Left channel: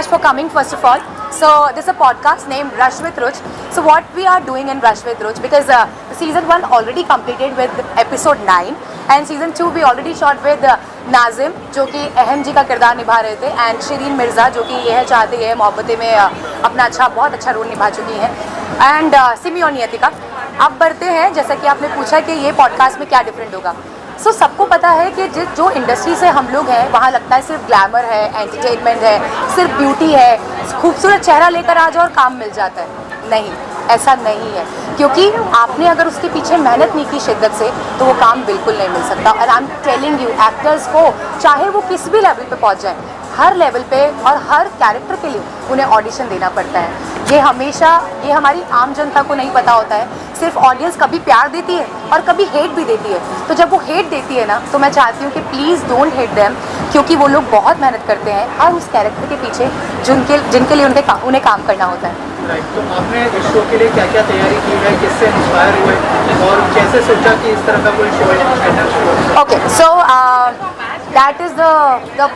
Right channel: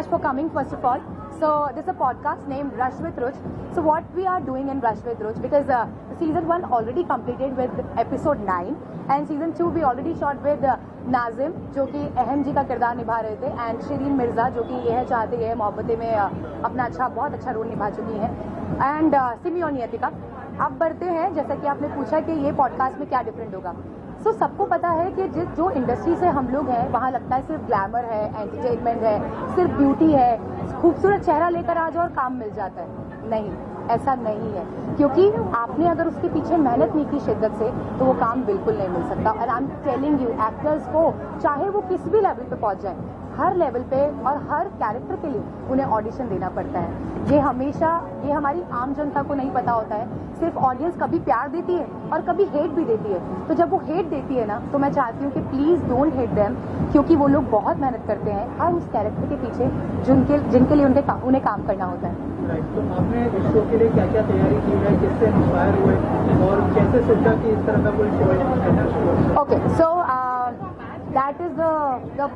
much for coming first of all. So this is a podcast named Rush with Ruch. So what we are doing in Rush with Ruch, because season 1 already completed with episode 9 and season 2 we already shot with Nazim जो कि अहम जी का किरदार निभा रहे थे and Shirin Mirza जो कि यह चाहते हैं मोहब्बतें में अपना बहुत अच्छा रोल निभा चुकी हैं एंड सिमी और नियतिका. अब बढ़ते हैं, जैसा कि आपने पूछा कि ये पॉडकास्ट में क्या डिफरेंट होगा. सो सबको पता है कि जो इंडस्ट्री से हम लोग हैं वहाँ लगता है सिर्फ ग्लैमर है, एंटरटेनमेंट है, सिर्फ ब्यूटी है, खूबसूरत चेहरा लेकर आ जाओ और काम मिल जाता है. नहीं, ऐसा नहीं है, क्योंकि आपने अगर उसके पीछे मेहनत नहीं की शिद्दत से तो वो काम बिल्कुल नहीं मिल सकता. और I am telling you, actors को चाहे वो किस भी लेवल पे पहुंच जाए, हर लेवल पे और हर कैरेक्टर के लिए उन्हें ऑडिशन देना पड़ता है. ये हमारी आम जनता को नहीं पता होता है. सिर्फ ऑडियंस कभी प्यार देती है और कभी हेट भी देती है. तो जब वो हेट देती है ना, तो मैं चाहती हूँ कि प्लीज़ डोंट हेट देम, क्योंकि वो लोग बहुत मेहनत करते हैं हर उस कैरेक्टर के पीछे जिनके लिए उन्हें काम करना होता है. तो आपने इस शो के लिए क्या क्या तैयारी की है, किससे इंस्पायर हुए और कैसे सोचा कि इस तरह का कोई शो है? Okay, so that is the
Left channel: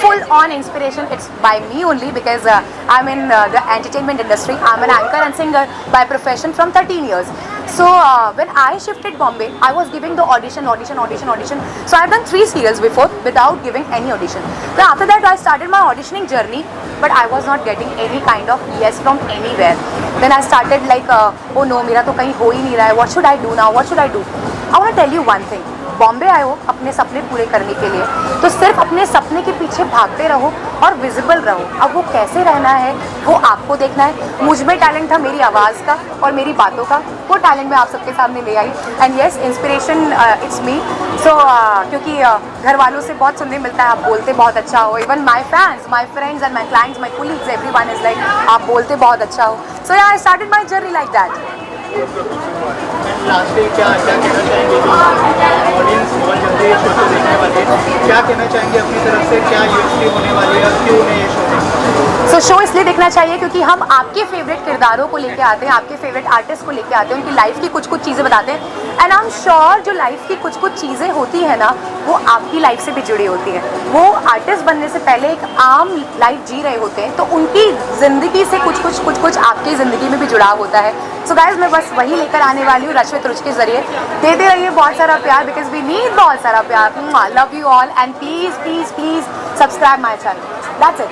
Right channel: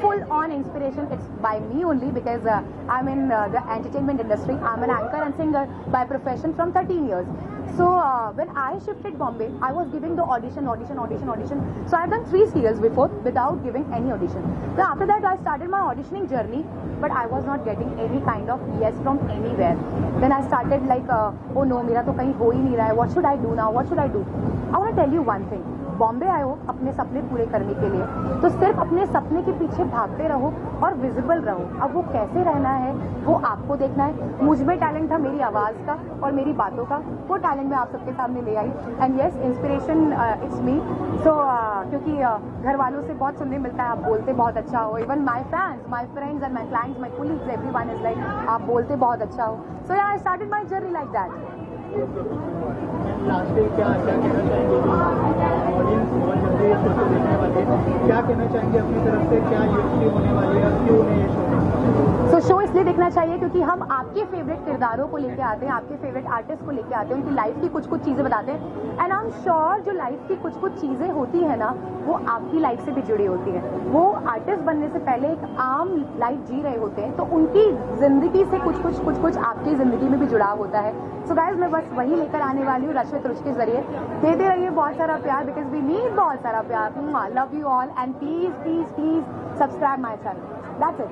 full-on inspiration. It's by me only because I'm in the entertainment industry. I'm an anchor and singer by profession from 13 years. So when I shifted Bombay, I was giving the audition. So I've done 3 serials before without giving any audition. Then after that, I started my auditioning journey, but I was not getting any kind of yes from anywhere. Then I started like, oh no, मेरा तो कहीं हो ही नहीं रहा है. What should I do now? What should I do? I want to tell you one thing. Bombay आए हो अपने सपने पूरे करने के लिए, तो सिर्फ अपने सपने के पीछे भागते रहो और विजिबल रहो. अब वो कैसे रहना है वो आपको देखना है. मुझ में टैलेंट था मेरी आवाज़ का और मेरी बातों का, वो टैलेंट मैं आप सबके सामने ले आई. And yes, inspiration it's me. So क्योंकि घर वालों से बहुत सुनने मिलता है आप बोलते बहुत अच्छा हो. Even my fans, my friends and my clients, my colleagues, everyone is like आप बोलते बहुत अच्छा हो. So I started my journey like that. Last क्या कहना चाहेंगे ऑडियंस बहुत जल्दी ये शो देखने वाली है, क्या कहना चाहेंगे अपनी तरफ से, क्या यूएसपी होने वाली है, क्यों उन्हें ये शो देखना चाहिए? सो शो इसलिए देखना चाहिए क्योंकि हम आपके फेवरेट किरदारों को लेके आते हैं, आपके फेवरेट आर्टिस्ट को लेके आते हैं, उनकी लाइफ की कुछ चीज़ें बताते हैं. एंड आई एम श्योर जो लाइफ की कुछ चीज़ें होती हैं ना, वो आपकी लाइफ से भी जुड़ी होती हैं. वो आर्टिस्ट बनने से पहले एक आम लाइफ जी रहे होते हैं, तो उनकी ज़िंदगी से कुछ आपकी ज़िंदगी में भी जुड़ाव होता है. सो गाइज, मैं बस वही लेकर आने वाली हूँ रश विद रुच के जरिए. देते रहिए बहुत सारा प्यार, बिकॉज वी नीड बहुत सारा प्यार. Love you all and please please please subscribe my channel. That's it.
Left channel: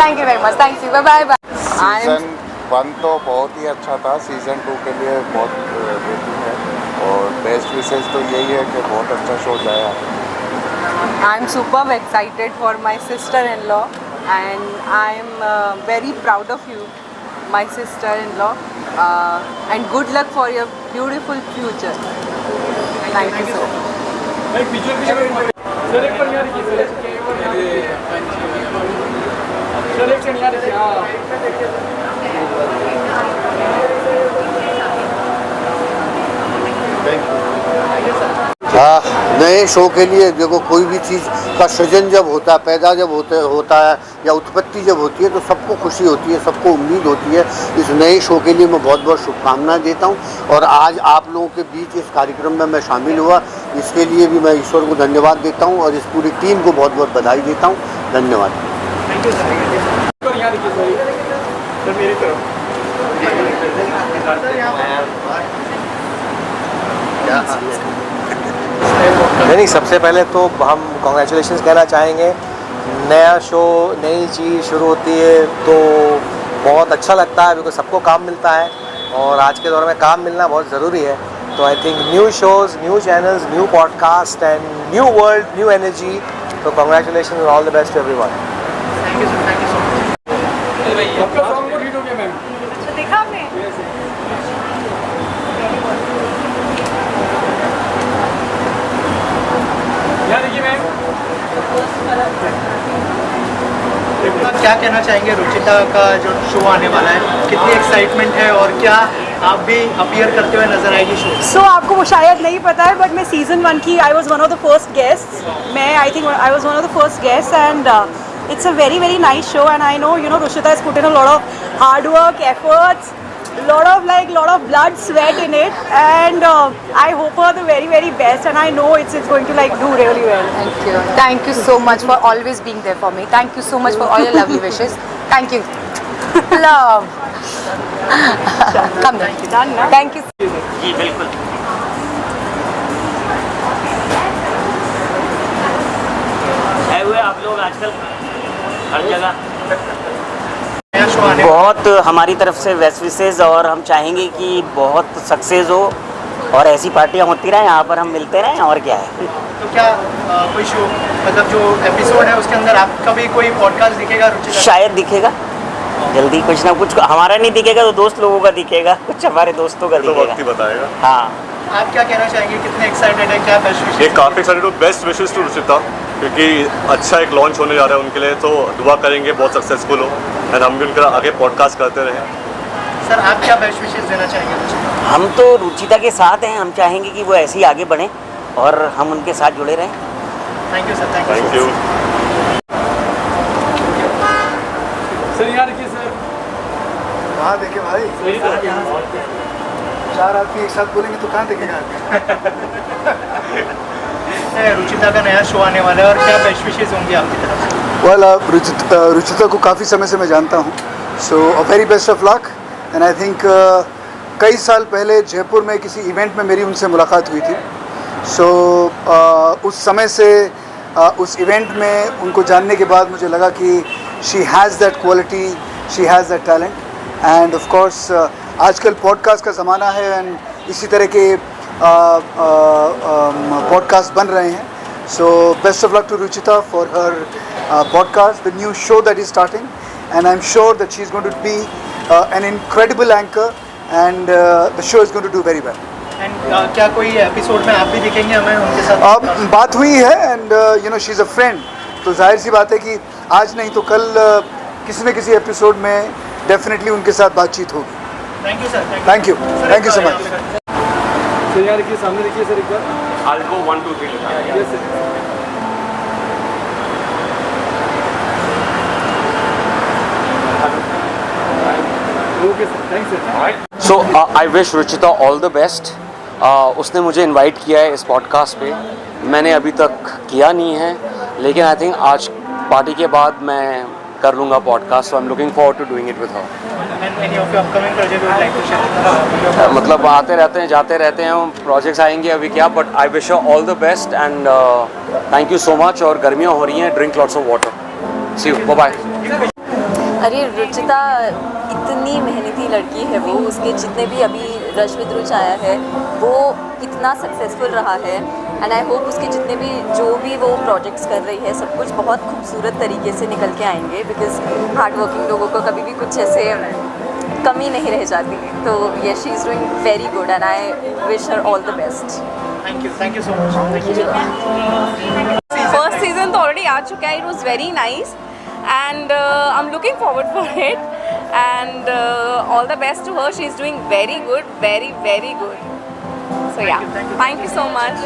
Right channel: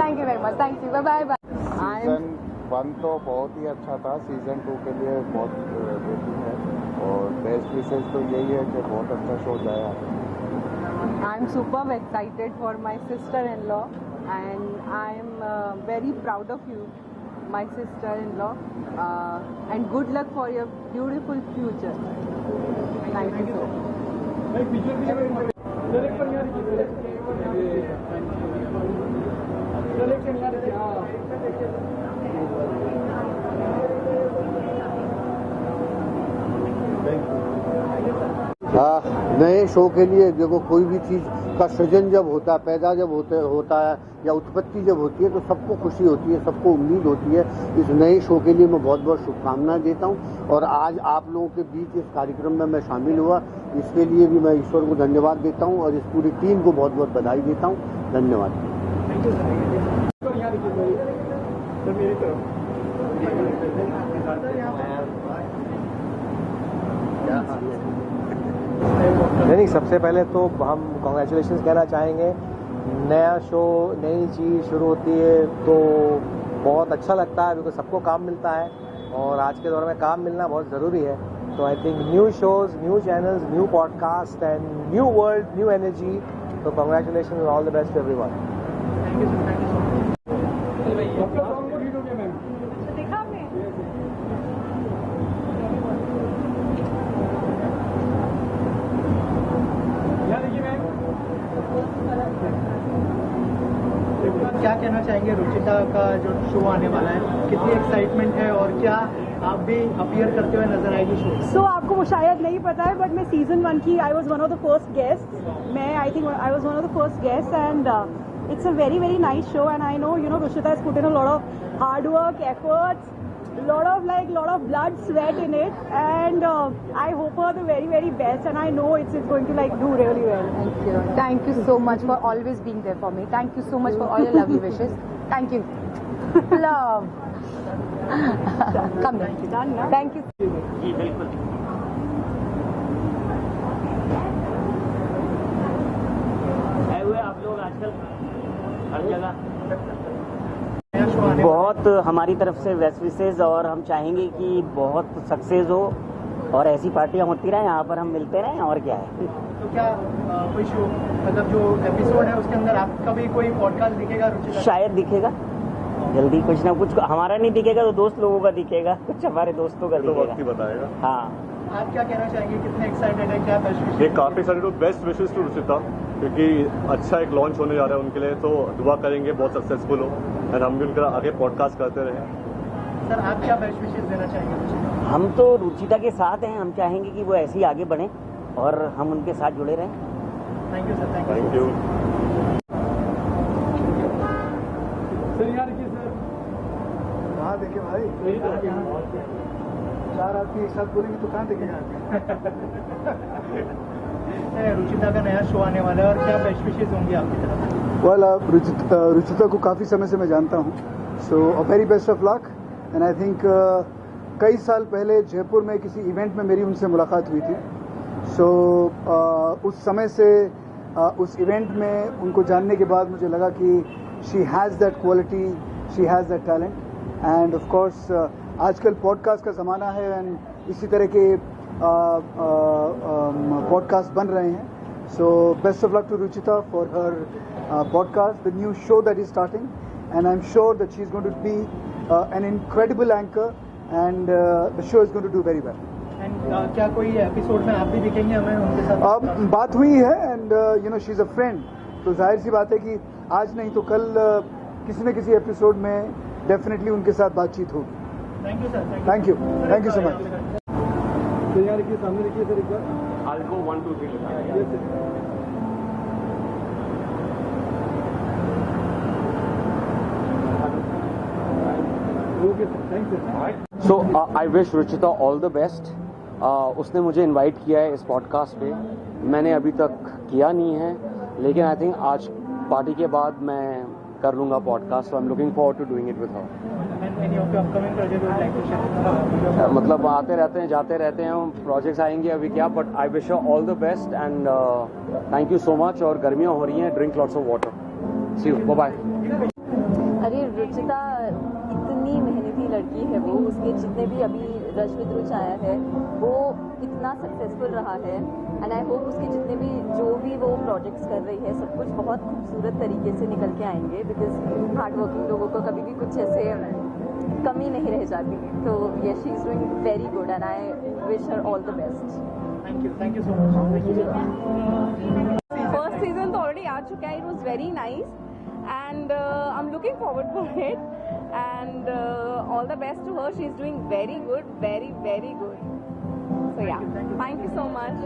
Thank you very much. Thank you. Bye bye. Season 1 तो बहुत ही अच्छा था. सीज़न 2 के लिए बहुत वेटिंग है और बेस्ट विशेष तो यही है कि बहुत अच्छा शो जाए. I am super excited for my sister-in-law and I am very proud of you, my sister-in-law, and good luck for your beautiful future. Thank you so much. नए शो के लिए देखो, कोई भी चीज़ का सृजन जब होता है, पैदा जब होता है या उत्पत्ति जब होती है, तो सबको खुशी होती है, सबको उम्मीद होती है. इस नए शो के लिए मैं बहुत बहुत शुभकामनाएं देता हूं. और आज आप लोगों के बीच इस कार्यक्रम में मैं शामिल हुआ, इसके लिए भी मैं ईश्वर को धन्यवाद देता हूं और इस पूरी टीम को बहुत बहुत बधाई देता हूं. धन्यवाद. नहीं, सबसे पहले तो हम कॉन्ग्रेचुलेशंस कहना चाहेंगे. नया शो, नई चीज़ शुरू होती है तो बहुत अच्छा लगता है, बिकॉज सबको काम मिलता है और आज के दौर में काम मिलना बहुत ज़रूरी है. तो I think new shows, new channels, new podcast and new world, new energy. तो कॉन्ग्रेचुलेशन और all the best to everyone. Thank you so much. देखा आपने? क्या कहना चाहेंगे रुचिता का जो शो आने वाला है, कितनी एक्साइटमेंट है और क्या आप भी अपीयर करते हुए नजर आएगी शो? सो आपको शायद नहीं पता है, बट मैं सीजन 1 की I was one of the first guest. I think I was one of the first guest and it's a very very nice show and I know Ruchita has put in a lot of hard work, efforts lot of blood, sweat in it, and I hope her the very, very best, and I know it's going to like do really well. Thank you. Thank you so much for always being there for me. Thank you so much for all your lovely wishes. Thank you. Love. Come here. Done now? Thank you. जी बिल्कुल आए हुए आप लोग आजकल हर जगह नया show आने बहुत हमारी तरफ से बेस्ट विशेज और हम चाहेंगे कि बहुत सक्सेस हो और ऐसी पार्टियां होती रहें, यहाँ पर हम मिलते रहें और क्या है। तो क्या कोई शो मतलब जो एपिसोड है उसके अंदर आपका भी कोई पॉडकास्ट दिखेगा रुचिता? शायद दिखेगा जल्दी, कुछ ना कुछ हमारा नहीं दिखेगा तो दोस्त लोगों का दिखेगा, कुछ हमारे दोस्तों का तो वक्त ही दिखेगा। बताएगा। हाँ आप क्या कहना चाहेंगे, कितने एक्साइटेड है, क्या बेस्ट ये विशेष? काफ़ी एक्साइटेड हूँ। बेस्ट विशेष टू रुचिता, क्योंकि अच्छा एक लॉन्च होने जा रहा है उनके लिए, तो दुआ करेंगे बहुत सक्सेसफुल हो एंड हम भी उनका आगे पॉडकास्ट करते रहें। सर आप क्या बेस्ट विशेष देना चाहेंगे रुचिता? हम तो रुचिता के साथ हैं, हम चाहेंगे कि वो ऐसे ही आगे बढ़ें और हम उनके साथ जुड़े रहें। Thank you sir, thank you. कहाँ देखे भाई, चार आदमी एक साथ बोलेंगे तो कहाँ देखेगा। रुचिता का नया शो आने वाला है और क्या बेस्ट विशेष होंगी आपकी तरफ से? वेल रुचिता को काफ़ी समय से मैं जानता हूँ, so a very best of luck and I think कई साल पहले जयपुर में किसी इवेंट में मेरी उनसे मुलाकात हुई थी। सो उस समय से उस इवेंट में उनको जानने के बाद मुझे लगा कि she has that quality, she has that talent end of course आजकल पॉडकास्ट का ज़माना है एंड इसी तरह के पॉडकास्ट बन रहे हैं। So best of luck to Ruchita for her podcast, the new show that is starting and I am sure that she is going to be an incredible anchor and the show is going to do very well. And क्या कोई episode में आप भी दिखेंगे हमें उनके साथ? बात हुई है and you know she is a friend, तो जाहिर सी बात है कि आज नहीं तो कल किसी न किसी एपिसोड में डेफिनेटली उनके साथ बातचीत होगी। Thank you sir. Thank you so much. यार के सामने देखिए सर एक बार। I'll go 1 2 3 yes sir. Okay sir, thanks sir. So I wish Ruchita all the best. उसने मुझे इनवाइट किया है इस पॉडकास्ट पे, मैंने अभी तक किया नहीं है, लेकिन आई थिंक आज पार्टी के बाद मैं कर लूँगा podcast, so I am looking forward to doing it with her. And any of your upcoming project you would like to share? मतलब आते रहते हैं जाते रहते हैं, प्रोजेक्ट्स आएंगे अभी क्या, but I wish all the best and thank you so much. और गर्मियाँ हो रही हैं, drink lots of water. See you, bye bye. अरे रुचिता इतनी मेहनती लड़की है वो, उसके जितने भी अभी रश विद रुच आया है वो इतना सक्सेसफुल रहा है एंड आई होप उसके जितने भी जो भी वो प्रोजेक्ट्स कर रही है सब कुछ बहुत खूबसूरत तरीके से निकल के आएंगे, बिकॉज हार्ड वर्किंग लोगों को कभी भी कुछ ऐसे कमी नहीं रह जाती। तो ये she is doing very good and I wish her all the best. Thank you so much. First season तो ऑलरेडी आ चुका है, it was very nice and I'm looking forward for it and all the best to her. She's doing very good, very good. So yeah, thank you so much.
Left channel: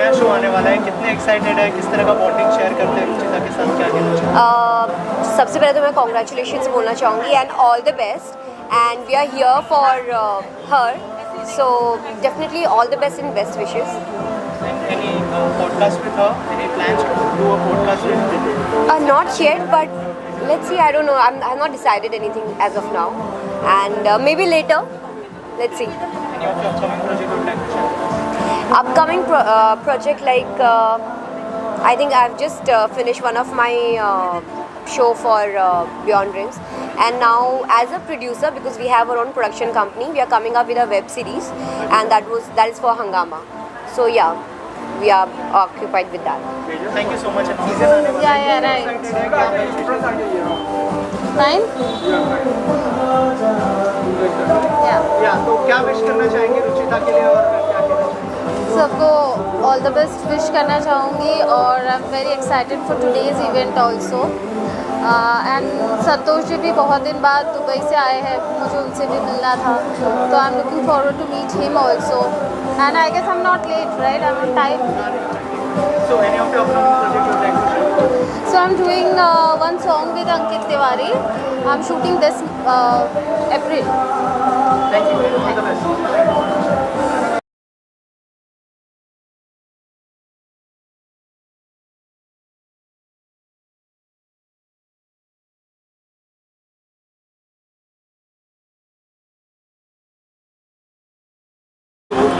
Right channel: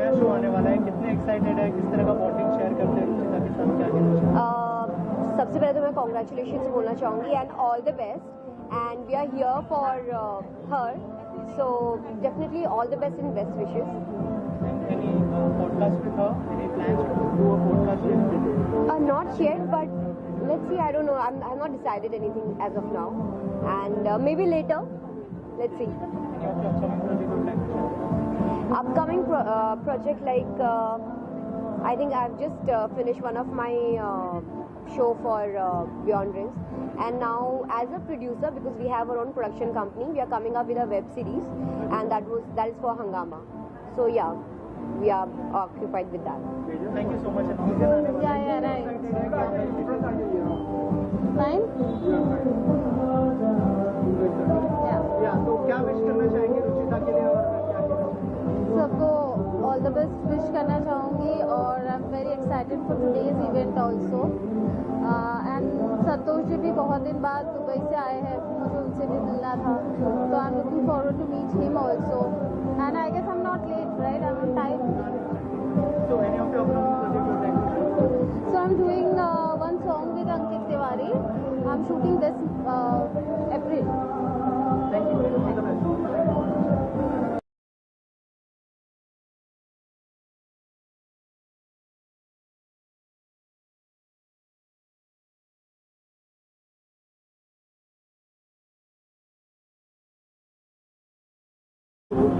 नया show आने वाला है, कितने excited है, किस तरह का बॉन्डिंग शेयर करते हैं रुचिता के साथ, क्या कहना चाहिए? सबसे पहले तो मैं कॉन्ग्रेचुलेशंस बोलना चाहूँगी and all the best and we are here for her, so definitely all the best and best wishes. Any podcast with her? Any plans to do a podcast with her? Not yet, but let's see. I don't know. I've not decided anything as of now, and maybe later. Let's see. Any of your upcoming project you would like to share? Upcoming project like I think I've just finished one of my show for Beyond Dreams, and now as a producer, because we have our own production company, we are coming up with a web series, and that is for Hangama. So yeah, we are occupied with that. Thank you so much. Season आने वाला है, Yeah, right. Fine. या तो क्या wish करना चाहेंगे रुचिता के लिए और क्या कहना चाहेंगे? सबको ऑल द बेस्ट विश करना चाहूँगी और I am very excited for today's event also and Santosh ji भी बहुत दिन बाद दुबई से आए हैं, मुझे उनसे भी मिलना था, तो I am looking forward to meet him also and I guess I am not late, right? I am on time. So any of your upcoming project you would like to share? So I'm doing one along with Ankit Tiwari. I'm shooting this April. Thank you. All the best.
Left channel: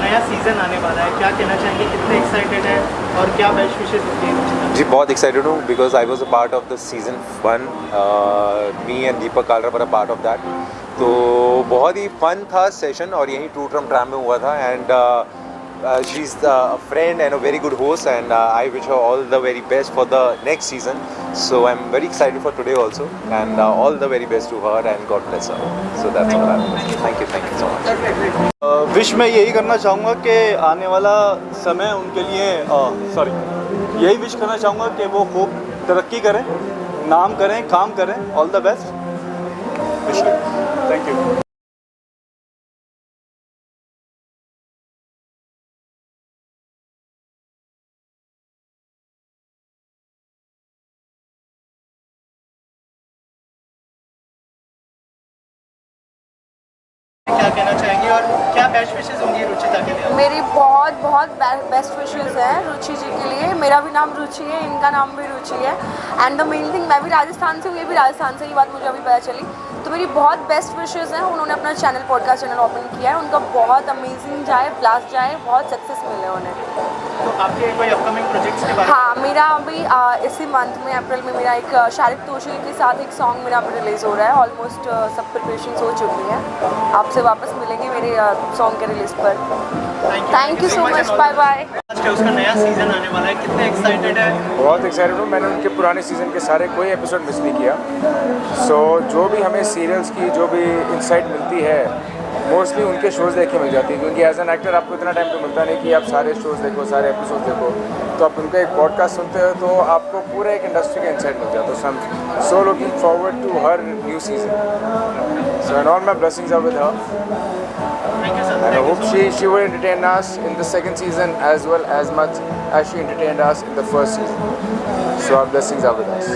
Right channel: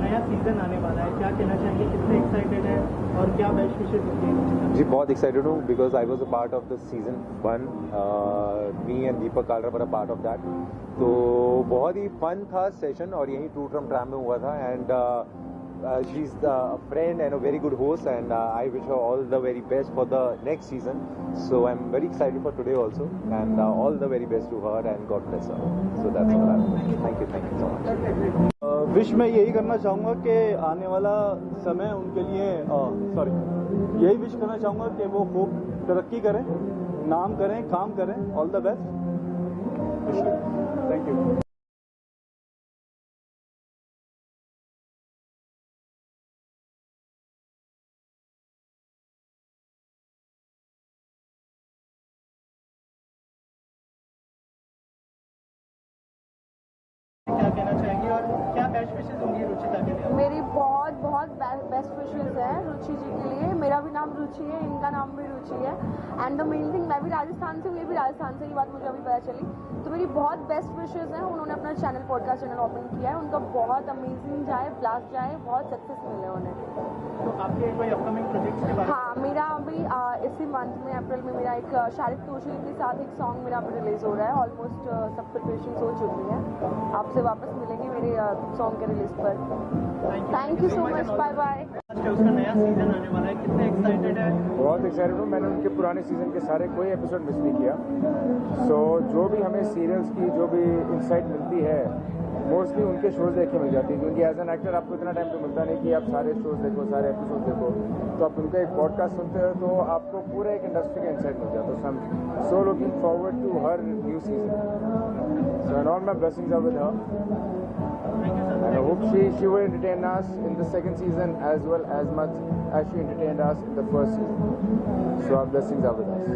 नया season आने वाला है, क्या कहना चाहेंगे, कितने excited है और क्या बेस्ट विशेस होती है? जी बहुत एक्साइटेड हूँ because I was a part of the season 1. Me and Deepak Kalra were a part of that. तो बहुत ही फन था सेशन और यहीं टू ट्रम ट्रैम में हुआ था. And she is a friend and a very good host and I wish her all the very best for the next season. So I am very excited for today also and all the very best to her and god bless her. So that's all I am. Thank you so much. Wish मैं यही करना चाहूँगा कि आने वाला समय उनके लिए यही विश करना चाहूँगा कि वो खूब तरक्की करें, नाम करें, काम करें. All the best. Wish you. Thank you. क्या कहना चाहेंगे और क्या बेस्ट विशेस होंगी रुचिता के लिए? मेरी बहुत बहुत बेस्ट विशेस हैं रुचि जी के लिए. मेरा भी नाम रुचि है, इनका नाम भी रुचि है. एंड द मेन थिंग, मैं भी राजस्थान से हूँ, ये भी राजस्थान से, ये बात मुझे अभी पता चली. तो मेरी बहुत बेस्ट विशेस हैं. उन्होंने अपना पॉडकास्ट चैनल ओपन किया है. उनका बहुत अमेजिंग जाए, ब्लास्ट जाए, बहुत सक्सेस मिले उन्हें. तो आपके कोई अपकमिंग प्रोजेक्ट्स के बारे में? हाँ, मेरा अभी इसी मंथ में अप्रैल में मेरा एक शारिक तोशी के साथ एक सॉन्ग मेरा अभी रिलीज़ हो रहा है. ऑलमोस्ट सब प्रिपरेशन हो चुकी है. आपसे वापस मिलेंगे मेरे सॉन्ग के रिलीज पर. Thank you so much. Bye bye. आज उसका नया सीजन आने वाला है, कितने एक्साइटेड है? बहुत एक्साइटेड हूँ. मैंने उनके पुराने सीज़न के सारे कोई एपिसोड मिस नहीं किया. सो जो भी हमें सीरियल्स की जो भी इंसाइट मिलती है मोस्टली उनके शोज़ देख के मिल जाती है. क्योंकि एज एन एक्टर आपको इतना टाइम तो मिलता नहीं कि आप सारे शोज़ देखो, सारे एपिसोड देखो. तो आप उनका एक पॉडकास्ट सुनते हो तो आपको पूरे एक इंडस्ट्री का इंसाइट मिल जाता है. So I am so looking forward to her new season. So and all my blessings are with her. And I hope she will entertain us in the second season as well as much as she entertained us in the first season. So our blessings are with us.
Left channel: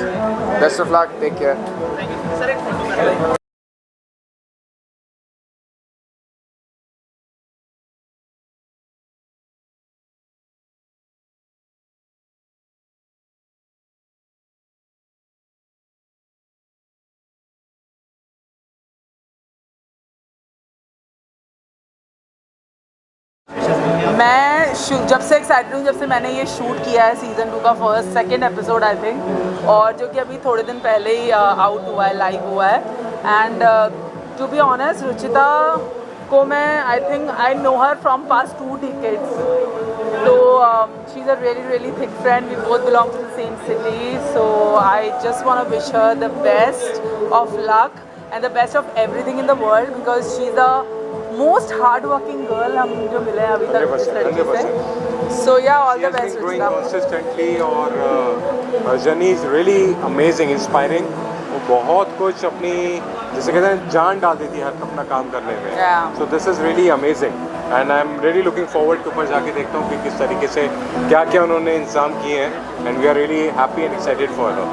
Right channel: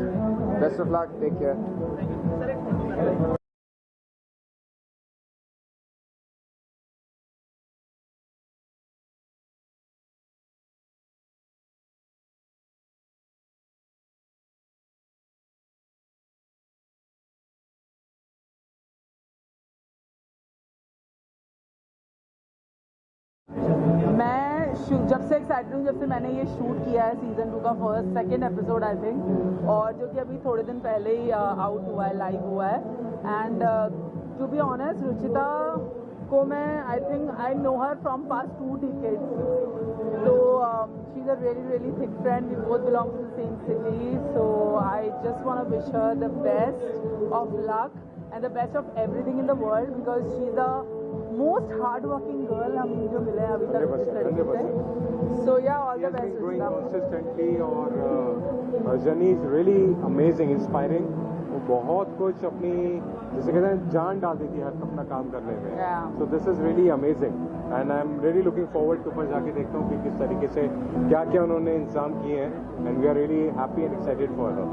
Best of luck. Take care. मैं जब से excited हूँ, जब से मैंने ये shoot किया है सीज़न 2 का सेकेंड एपिसोड आई थिंक, और जो कि अभी थोड़े दिन पहले ही आउट हुआ है, लाइव हुआ है. And to be honest, Ruchita को मैं I know her from past 2 decades. तो she is a really thick friend. We both belong to the same city. So I just want to wish her the best of luck and the best of everything in the world because she's the most hard-working girl हम जो मिले हैं अभी तक इस लड़की से. So yeah, all the best. She has been growing consistently और her journey is really amazing, inspiring. वो बहुत कुछ अपनी जैसे कहते हैं जान डाल देती है अपना काम करने में. So this is really amazing and I'm really looking forward to ऊपर जाके देखता हूँ कि किस तरीके से क्या क्या उन्होंने इंतजाम किए हैं. And we are really happy and excited for her.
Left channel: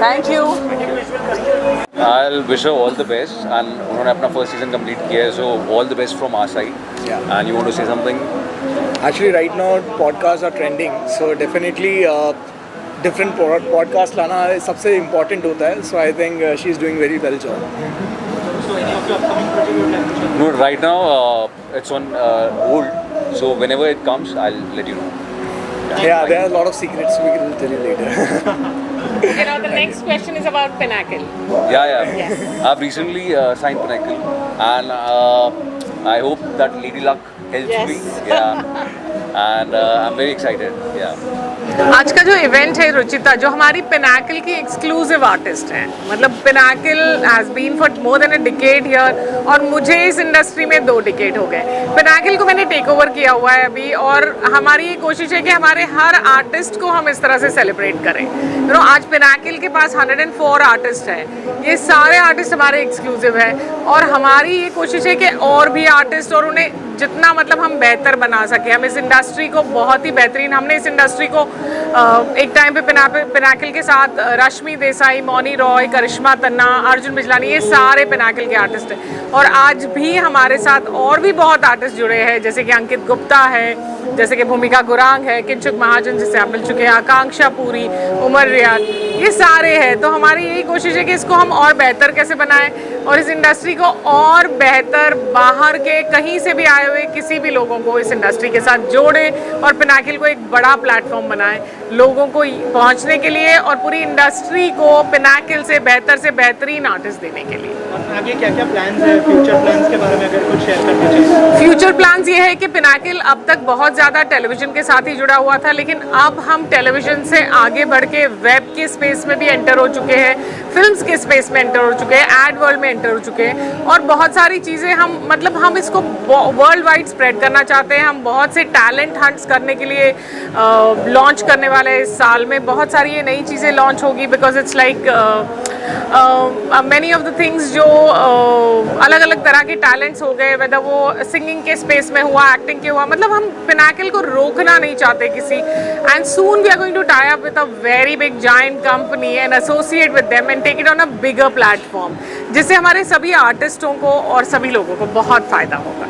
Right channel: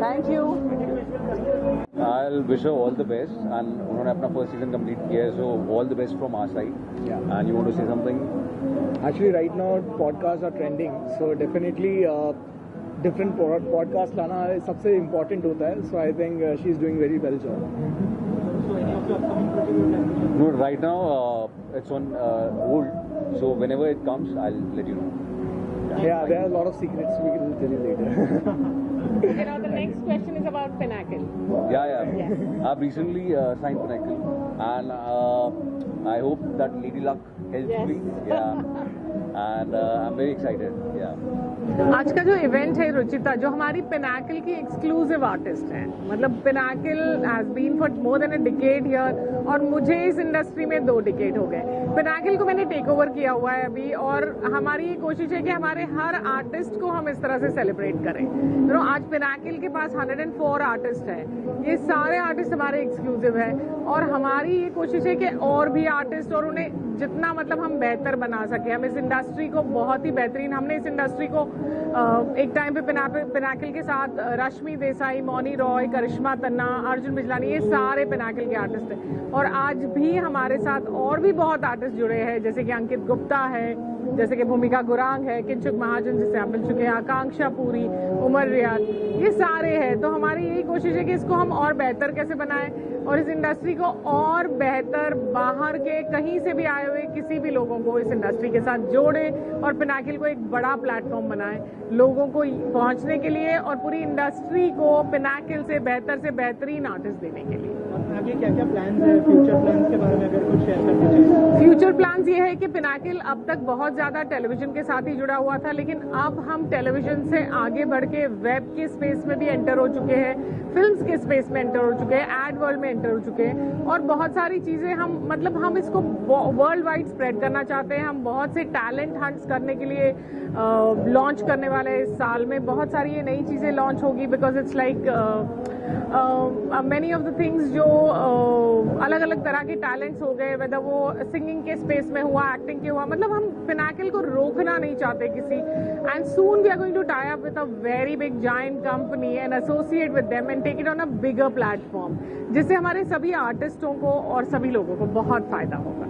Thank you. I'll wish her all the best and उन्होंने अपना first season complete किया है, so all the best from our side. Yeah. And you want to say something? Actually, right now podcasts are trending, so definitely different podcast लाना सबसे important होता है. So I think she's doing very well job. So any of your upcoming project you would like to share? No, right now it's on hold. So whenever it comes, I'll let you know. Yeah, there are a lot of secrets we will tell you later. You know, the next question is about Pinnacle. Yeah. Yes. I've recently signed Pinnacle, and I hope that Lady Luck helps me. Yeah. And I'm very excited. Yeah. आज का जो event है रुचिता, जो हमारी Pinnacle की exclusive artist हैं, मतलब pinnacle has been for more than a decade here और मुझे इस इंडस्ट्री में 2 डिकेड हो गए. पिनाकल को मैंने टेक ओवर किया हुआ है अभी और हमारी ये कोशिश है कि हमारे हर आर्टिस्ट को हम इस तरह से सेलिब्रेट करें. आज पिनाकल के पास 104 आर्टिस्ट हैं. ये सारे आर्टिस्ट हमारे एक्सक्लूसिव हैं और हमारी ये कोशिश है कि और भी आर्टिस्ट और उन्हें जितना मतलब हम बेहतर बना सके, हम इस इंडस्ट्री को बहुत ही बेहतरीन, हमने इस इंडस्ट्री को एक टाइम पे पिनाकिल के साथ रश्मि देसाई, मौनी रॉय, करिश्मा तन्ना, अर्जुन बिजलानी, ये सारे पिनाकिल के आर्टिस्ट हैं। और आज भी हमारे साथ और भी बहुत आर्टिस्ट जुड़े हैं, जैसे कि अंकित गुप्ता है, जैसे कि भूमिका गुरांग है, किंचुक महाजन जिससे आप मिल चुके हैं, आकांक्षा पुरी, उमर रियाज, ये सारे हैं। तो हमारी यही कोशिश है कि इसको हम और बेहतर कैसे बनाएं और इस इंडस्ट्री को और बेहतर बाहर के कहीं से भी आए हुए किसी भी लोगों को इस इंडस्ट्री के साथ जोड़ें और पिनाकिल को एक बड़ा प्लेटफॉर्म बनाएं लोगों को पहुंचने के लिए और पूरी इंडस्ट्री को पिनाकिल से बेहतरीन आर्टिस्ट देने के लिए। आगे क्या क्या प्लान्स है, फ्यूचर प्लान्स के बारे में अगर कुछ शेयर करना चाहिए? फ्यूचर प्लान्स ये है कि पिनाकिल अब तक बहुत ज़्यादा टेलीविजन के साथ ही जुड़ा हुआ था, लेकिन अब हम टेलीविजन से आगे बढ़ के वेब के स्पेस में भी एंटर हो चुके हैं, फिल्म्स के स्पेस में एंटर हो चुके हैं, एड वर्ल्ड में एंटर हो चुके हैं और बहुत सारी चीज़ें हम इसको वर्ल्ड वाइड स्प्रेड करना चाहते हैं। हम बहुत से टैलेंट हंट्स करने के लिए लॉन्च करने वाले हैं इस साल में। बहुत सारी ये नई चीज़ें लॉन्च होगी because it's like many of the things जो अलग अलग तरह के टैलेंट्स हो गए, वेदर वो सिंगिंग के स्पेस में हुआ, एक्टिंग के हुआ, मतलब हम पिनाकिल को रोकना नहीं चाहते किसी। And soon we are going to tie up with a very big giant company and associate with them and take it on a bigger platform, जिससे हमारे सभी आर्टिस्टों को और सभी लोगों को बहुत फ़ायदा होगा।